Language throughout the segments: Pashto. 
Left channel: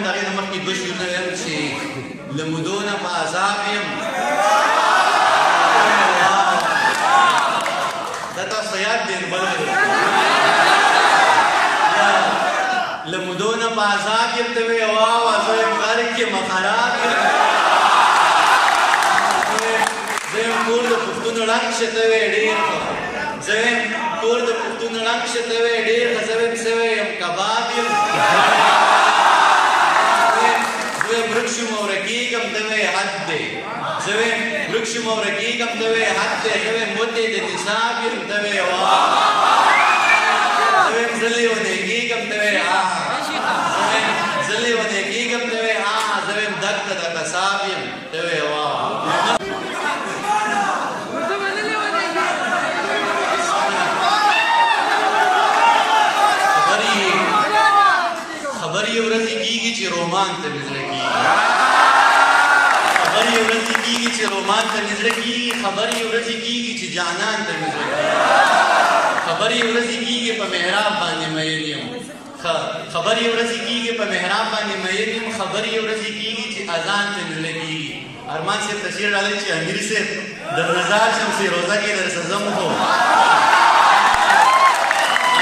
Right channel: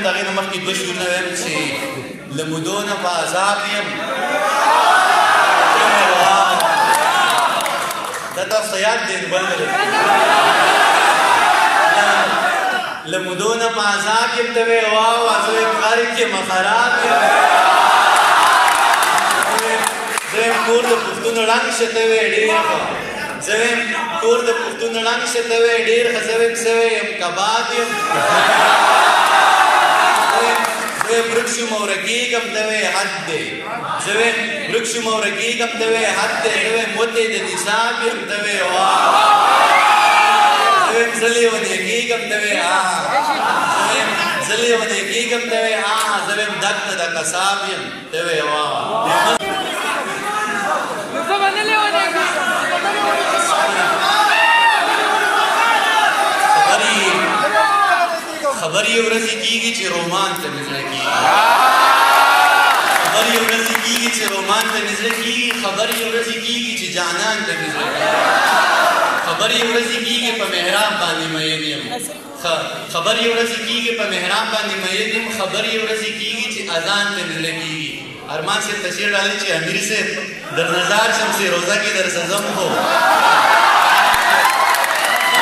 ویم د هغې نه مخکې دوه شعرونه ویم چې له مودو نه په عذاب یم دا تاسو ته یاد دی بل نه له مودو نه په عذاب یم ته وې واوه زه یم غرق یم خراب یم زه یم کور د پښتون ړنګ شه ته وې ډېر ښه زه یم کور د پښتون ړنګ شه ته وې ډېر ښه زه یم سوی یم کباب یم زه یم ورک شوم او رکېږم ته وې حد دی زه یم ورک شوم او رکېږم ته وې حد دی زه یم موتی د نصاب یم ته وې واه زه یم زلی ونې کېږم ته وې زه یم زلی ونې کېږم ته وې زه یم دک ته د قصاب یم ته وې واه خبر یې ورځې کېږي چې رومان ته مې زړه کېږي خبر یې ورځې کېږي چې رومان ته مې زړه کېږي خبر یې ورځې کېږي چې جانان ته مې زړه کېږي خبر یې ورځې کېږي په محراب باندې مین یم خبر یې ورځې کېږي په محراب باندې مین یم خبر یې ورځې کېږي چې اذان ته مې زړه کېږي ارمان صاحب تشعیر ډالۍ چې امیر صاحب در نظار شم سې روزه کې در سزم خو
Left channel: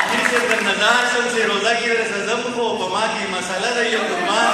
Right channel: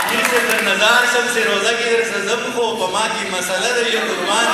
امیر صاحب در نظار شم سې روزه کې در سزم خو په ما کې مسله ده یو قربان